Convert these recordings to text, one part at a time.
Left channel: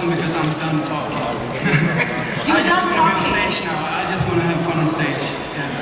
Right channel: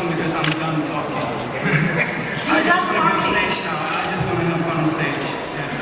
awesome because I'm done talking. I just want to go on stage now. I just want to have fun on stage. Yeah.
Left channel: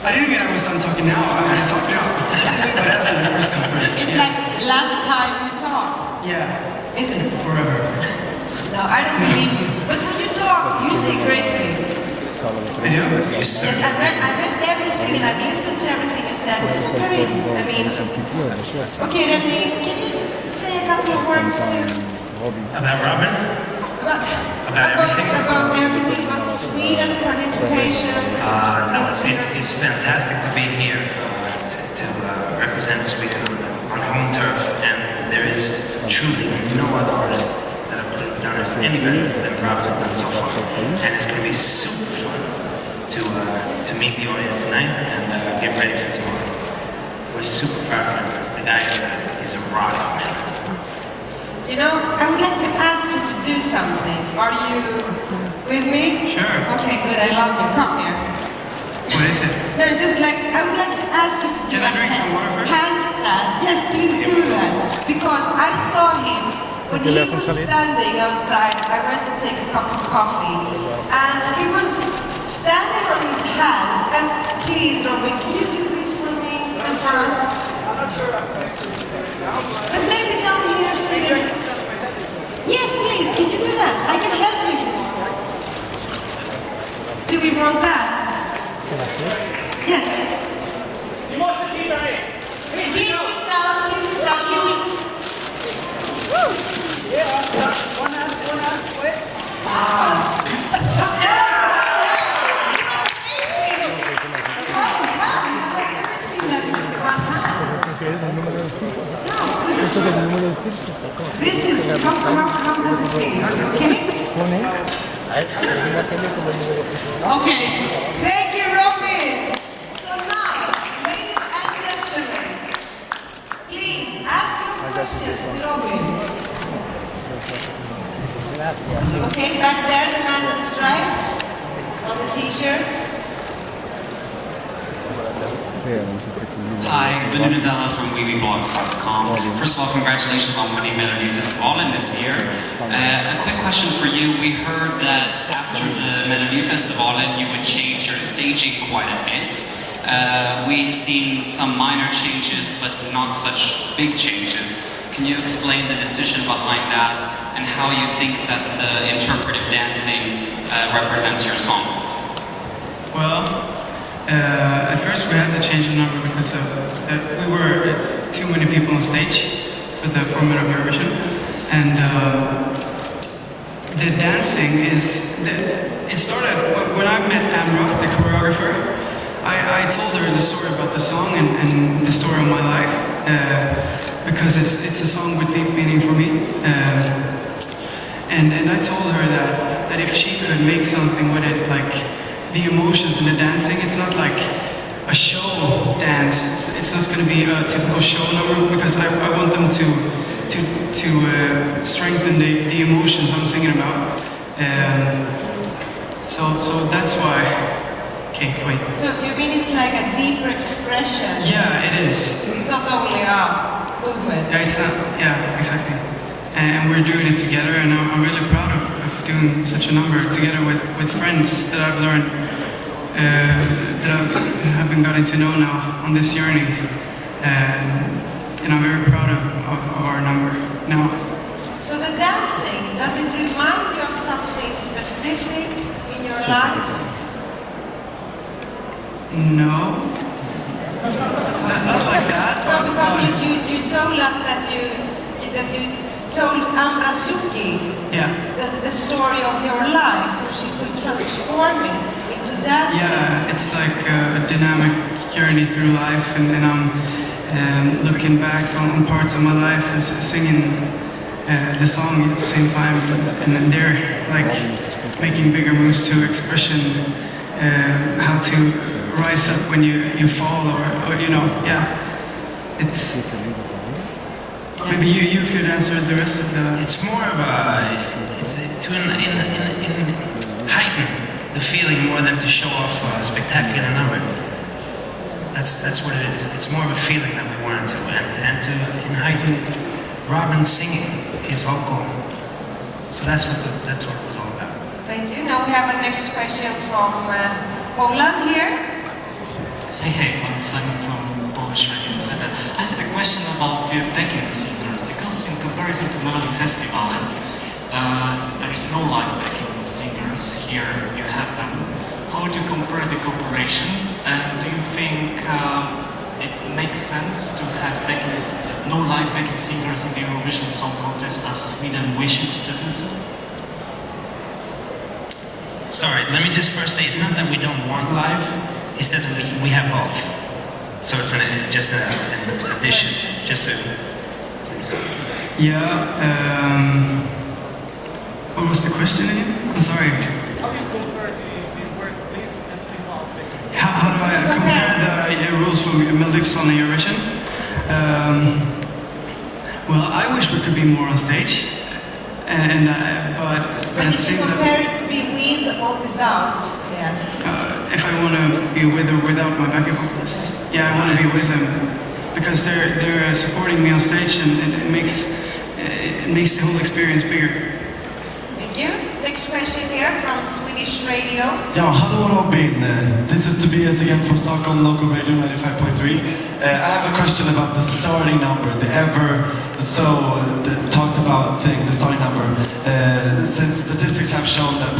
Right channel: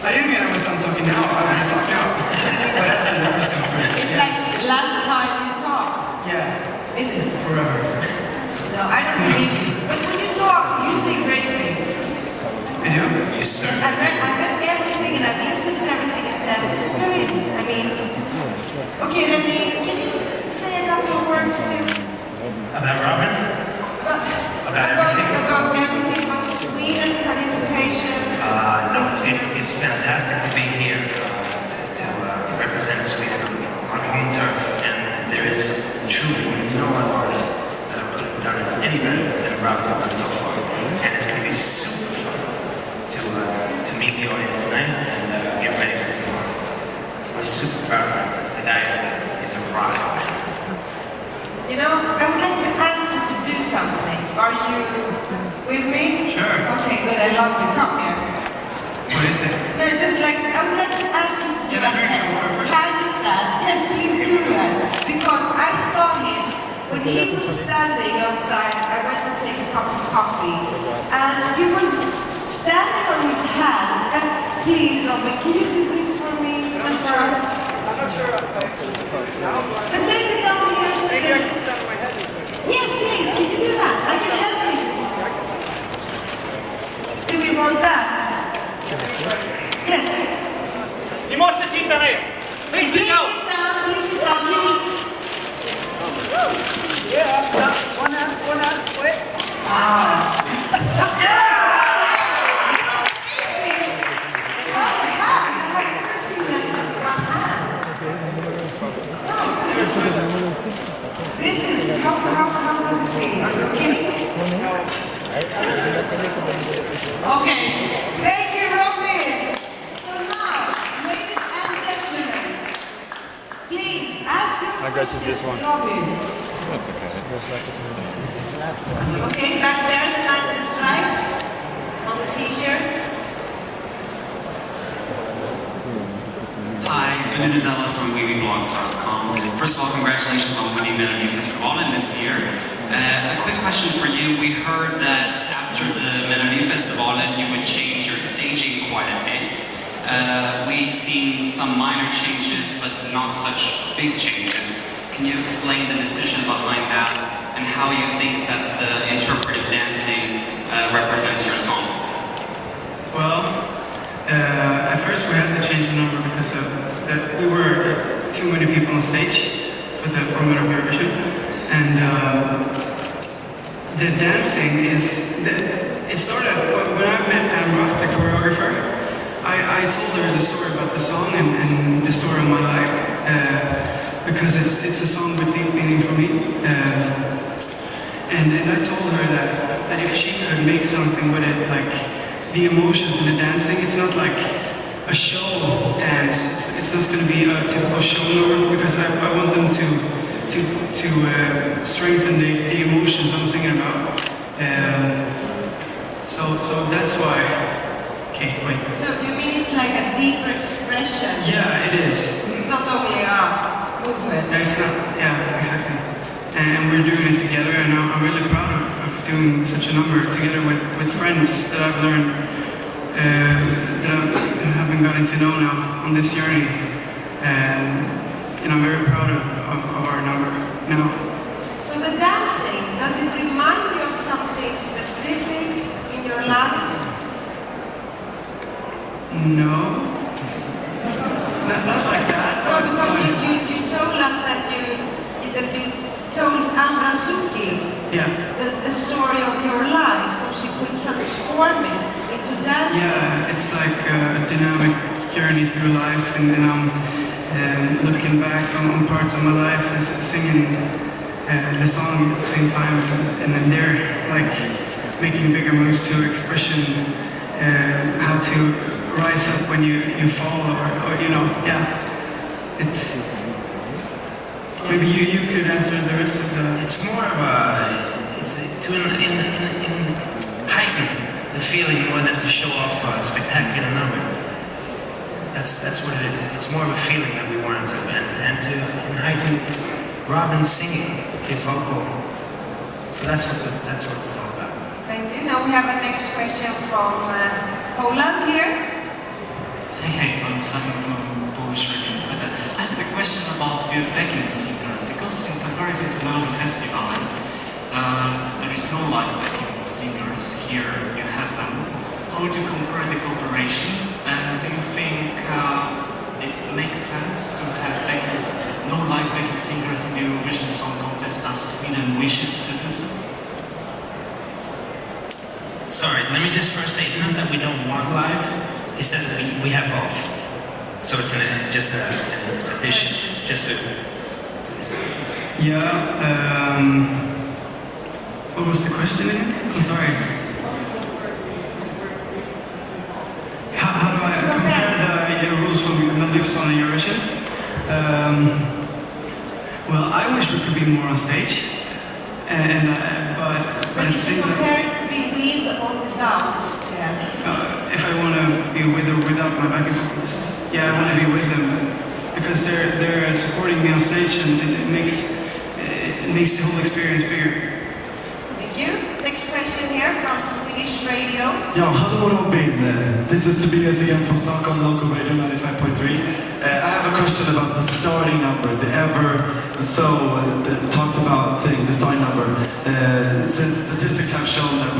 I didn't mean I was done talking now. I'm going to talk now. It's like last time you talked. Yeah. Is it? Forever. No, I don't believe you. But when you talk, you say great things. Yeah. Yes, I read everything and I listened to everything you said. It's very, I mean, okay, then can you say a couple of words About Robin? about everything, about Sweden's participation? It's fantastic to be here, to represent Sweden on home turf, and there is truly no other artist that could have done it any better than Robin has done so far. And it's going to be super fun to meet the audience tonight and get ready for tomorrow. We're super proud of him. The guy is a rock. You know, I would like to ask you to do something. Are you with me? Sure. Okay, good. I love you. Come here. What is it? No, just like, I would like to ask you to do Can I drink some water first? handstand. Yes, please do that. Because I saw him when he was standing outside. I went to take a cup of coffee. And he was standing on his hands. And please, Robin, can you do this for me and for us? I'm not sure if I can do it now, but And maybe down here. maybe I can stand on my head. Yes, please. Can you do that? I can help you. Do we want that? Yes. Ni måste titta ner! Please sit down. Please sit down. Yeah, one hand, wait. This is how does it feel? Okay. Thank you, Robin. So now, ladies and gentlemen, please ask your questions to Robin. Okay, back there, the man with the stripes on the t-shirt. Hi, Benedetta from ESCKAZ.com. First of all, congratulations on winning Melody Festival this year. A quick question for you. We heard that after the Melody Festival you would change your staging quite a bit. We've seen some minor changes, but not such big changes. Can you explain the decision behind that and how you think that the interpretive dancing represents your song? Well, at first we had to change the number because we were too many people on stage for the format of Eurovision, and the dancing it started when I met Amra, the choreographer. I told her the story about the song and the story of my life because it's a song with deep meaning for me, and I told her that if she could make something with it, like the emotions and the dancing, it's not like a show dance. It's not going to be a typical show number because I want them to strengthen the emotions I'm singing about. So that's why. Okay, wait. So you mean it's like a deeper expression? Yeah, it is. It's not only a movement. Yeah, it's not, yeah, exactly. And we're doing it together, and I'm really proud of doing such a number together with friends that I've learned, that I haven't gotten to know now on this journey. And I'm very proud of our number now. So the dancing, does it remind you of something specific in your life? No. Not like that. No, because you told us that you told Amra Suki the story of your life, so she could transform it into dancing. Yeah, it's like a dynamic journey through life, and I'm looking back on parts of my life and singing the song at the same time, and then they're like making bigger moves to expression, how to rise up when you fall, or you know, yeah. It's maybe you could answer the rest of the. It's more of it's to heighten the feeling more than to show off a spectacular number. That's what it is. It's more of a feeling that we wanted to, and to heighten Robin singing his vocal So that's what it was all about. Thank you. Now we have our next question from Poland here. Hey, I'm Simon from Polish Radio. So I have a question about the backing singers, because in comparison to Melody Festival, there is no live backing singers. Here you have them. How would you compare the cooperation? And do you think it makes sense to have no live backing singers in the Eurovision Song Contest as Sweden wishes to do so? Sorry, let me just first say, it's not that we don't want live, it's that we have both. So it's just an addition, just to... Yeah, what was the question again? I'm sorry. How do I compare the rules from Melodic Song and Eurovision? Well, I wish we could be more on stage, but it seems that Compare it to be with or without. Yes. if I want to be with or without my backup vocalists, yeah, I want to be with them because they're supporting me on stage, and it makes the whole experience bigger. Thank you. Next question here from Swedish Radio. Ja, hallå Robin. This is Tobias again from Stockholm Local Radio 95.3. I have a question about the starting number, talked about the starting number. Since statistics have shown that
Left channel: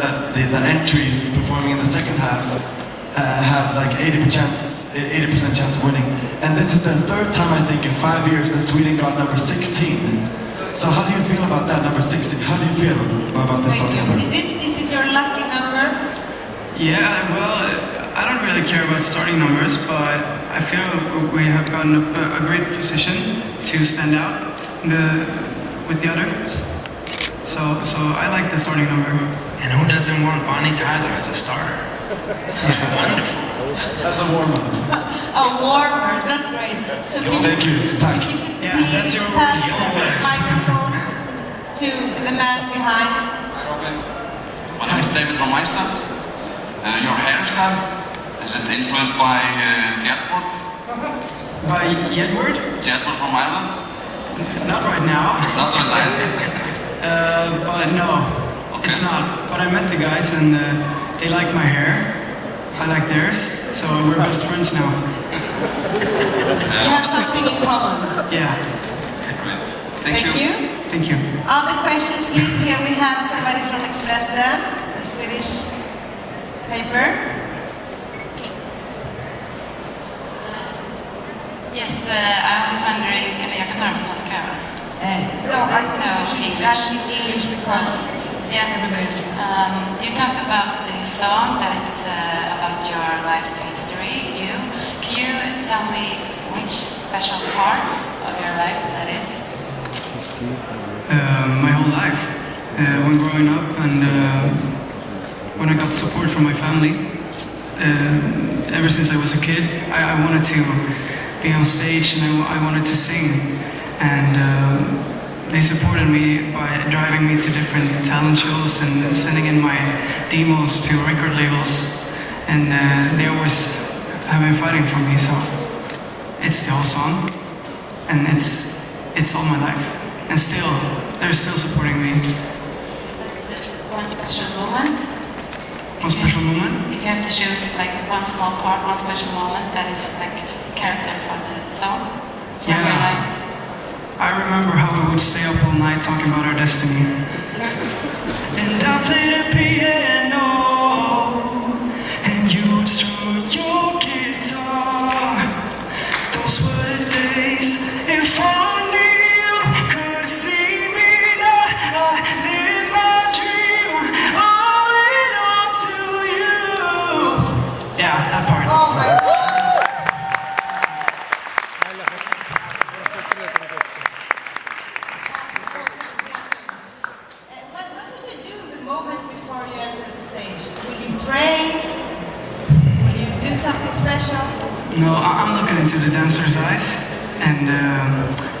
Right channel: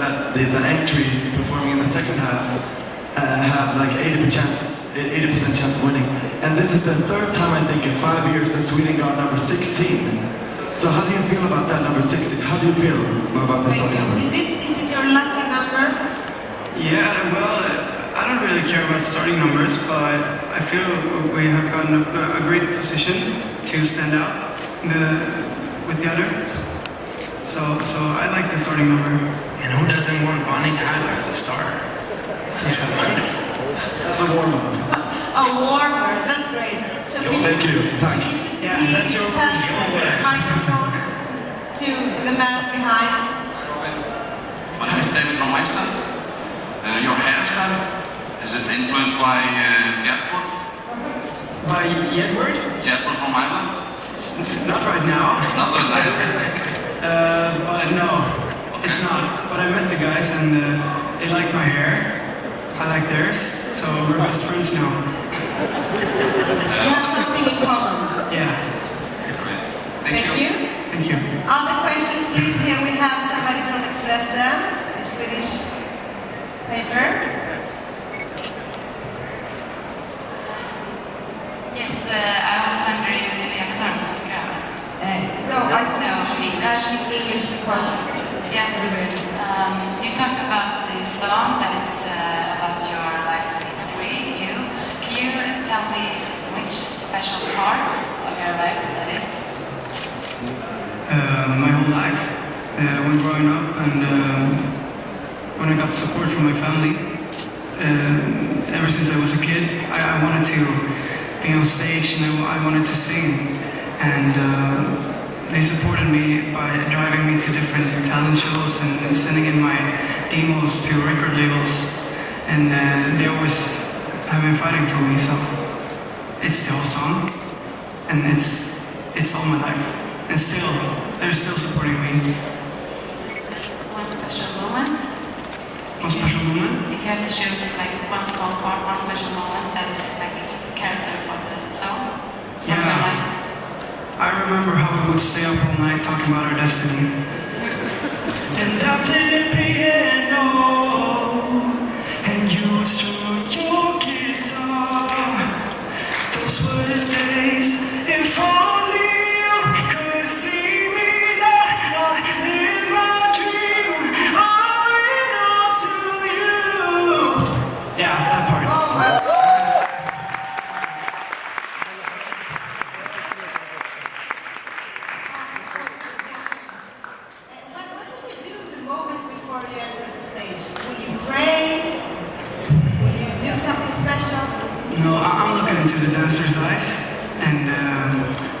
that the entries performing in the second half have like 80% chance of winning. And this is the third time, I think, in 5 years that Sweden got number 16. So how do you feel about that number 16? How do you feel about the starting number? Is it your lucky number? Yeah, well, I don't really care about starting numbers, but I feel we have gotten a great position to stand out with the others. So I like the starting number. And who doesn't want Bonnie Tyler as a star? He's wonderful. That's a warm-up. A warmer, that's great. So Thank you. Tack. Yeah, that's your pass the words. microphone to the man behind. My name is David from Iceland. Your hairstyle, is it influenced by Jetport? By Edward? Jetport from Ireland? Not right now. Not really. But no, it's not. But I met the guys and they like my hair. I like theirs, so we're best friends now. You have something in common. Yeah. Great. Thank you. Thank you. Other questions, please? Here we have somebody from Expressen, a Swedish paper. Yes, I was wondering, maybe I can learn some Karen. No, I think that's in English because... Yeah, you talked about the song that it's about your life history, you. Can you tell me which special part of your life that is? My whole life. When growing up and when I got support from my family, ever since I was a kid, I wanted to be on stage and I wanted to sing. And they supported me by driving me to different talent shows and sending in my demos to record labels. And they always have been fighting for me, so it's the whole song. And it's all my life. And still, they're still supporting me. One special moment? One special moment? If you have to choose like one small part, one special moment that is like the character from the song from your life. I remember how I would stay up all night talking about our destiny. And I played a piano, and you strummed your guitar. Those were the days, if only you could see me that I live my dream, owing all to you. Yeah, that part. Oh my God. What did you do the moment before you entered the stage? Will you pray? Will you do something special? No, I'm looking into the dancers' eyes, and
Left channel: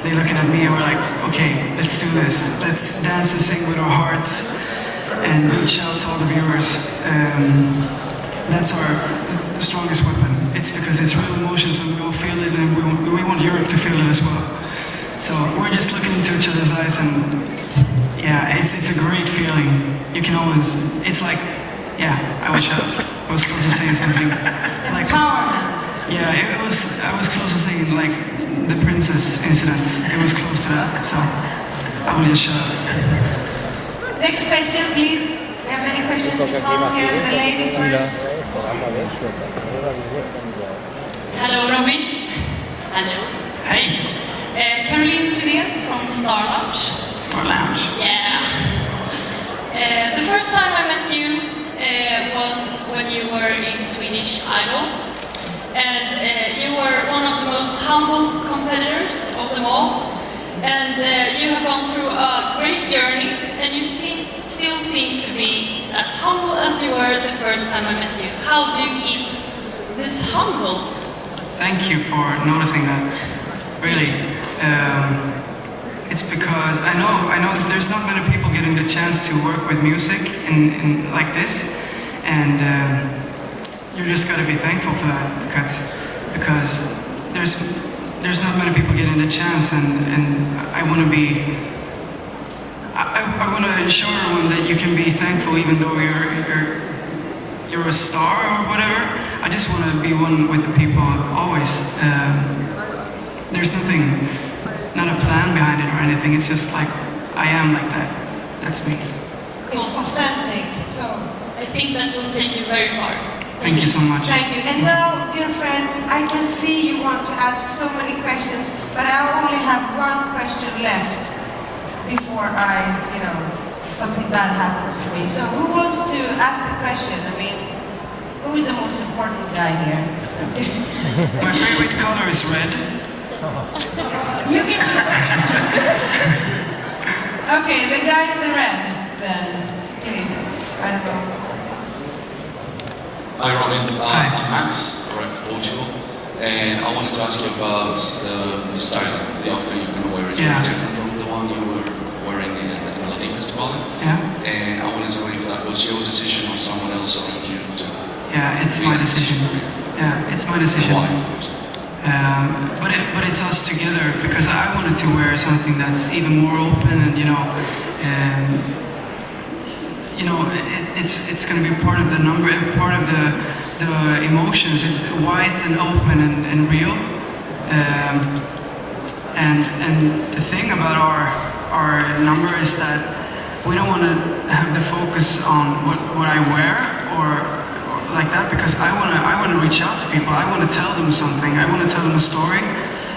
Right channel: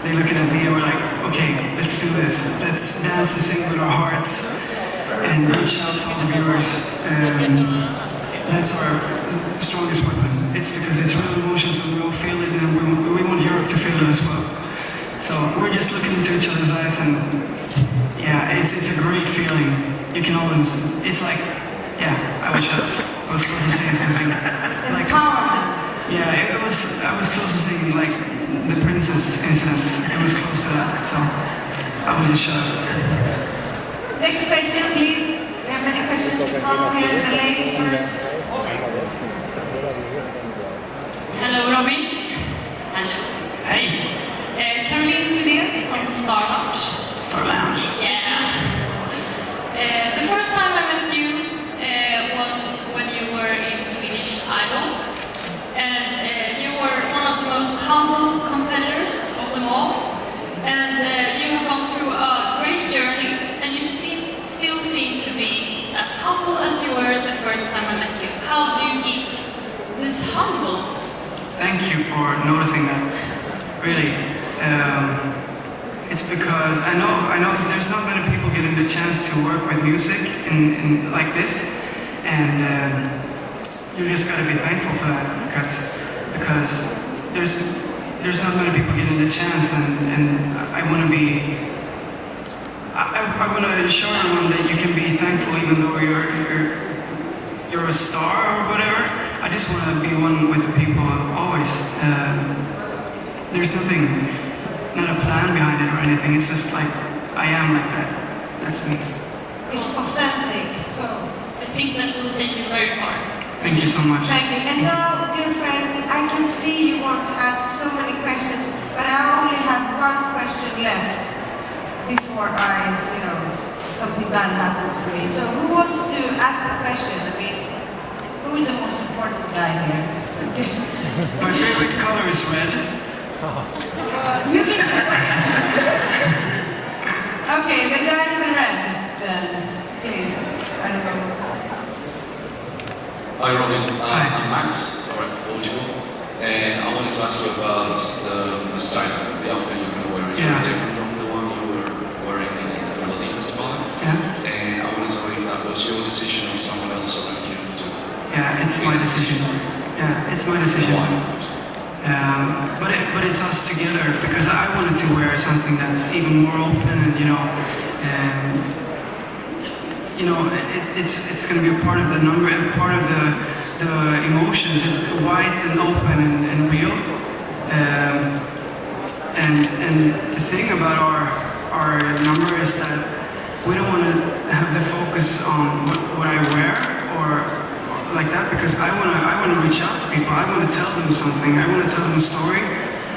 they looking at me and we're like, okay, let's do this. Let's dance and sing with our hearts. And shout out to all the viewers. That's our strongest weapon. It's because it's real emotions and we all feel it, and we want Europe to feel it as well. So we're just looking into each other's eyes and yeah. yeah, it's a great feeling. You can always, it's like, yeah, I wish I was close to saying something. Like, yeah, I was close to saying like the princess incident. It was close to that, so I will just shut up. Next question, please. We have many questions from here. The lady first. Hello, Robin. Hello. Hey, Caroline Sidén from Star Lounge. Star Lounge. Yeah. The first time I met you was when you were in Swedish Idol. And you were one of the most humble competitors of them all. And you have gone through a great journey. And you still seem to be as humble as you were the first time I met you. How do you keep this humble? Thank you for noticing that. Really, it's because I know that there's not many people given the chance to work with music in like this, and you just gotta be thankful for that because there's not many people getting the chance, and I want to be. I want to show everyone that you can be thankful even though you're a star or whatever. I just want to be one with the people always. There's nothing, not a plan behind it or anything. It's just like I am like that. That's me. It's authentic, so I think that will take you very far. Thank you so much. thank you. And now, dear friends, I can see you want to ask so many questions, but I only have one question left before something bad happens to me. So who wants to ask the question? I mean, who is the most important guy here? My favorite color is red. You can. Okay, the guy in the red, then, please. I don't know. Hi Robin, I'm Max, I'm from Portugal, and I wanted to ask you about the style, the outfit you can wear. It's very different from the one you were wearing in the Melody Festival. Yeah. And I wanted to know if that was your decision or someone else or you to. Yeah, it's my decision. Yeah, it's my decision. Why? But it's us together because I wanted to wear something that's even more open and it's going to be part of the number and part of the emotions. It's white and open and real. And the thing about our number is that we don't want to have the focus on what I wear or like that because I want to reach out to people. I want to tell them something. I want to tell them a story,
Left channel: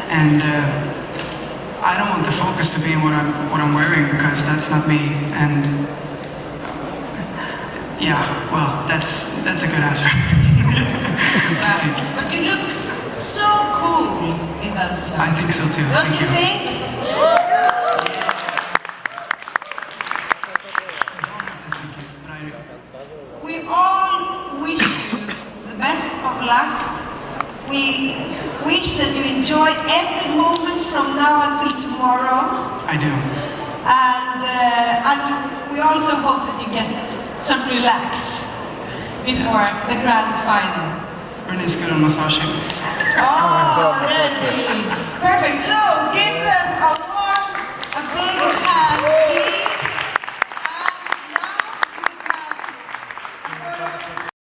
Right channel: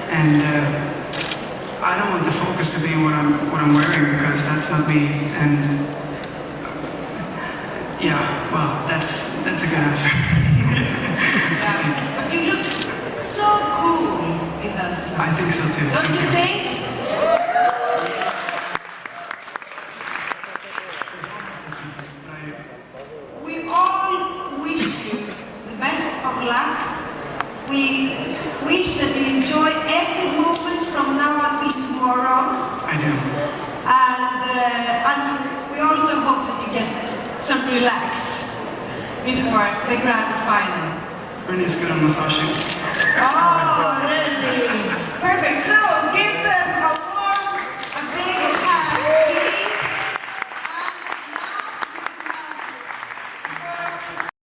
and I don't want the focus to be what I'm wearing because that's not me. And yeah, well, that's a good answer. But you look so cool in that. I think so too. Don't Thank you you. think? We all wish you the best of luck. We wish that you enjoy every moment from now until tomorrow. I do. And we also hope that you get some relax before the grand final. Rennie's good on massaging. Oh, really? Perfect. So give them a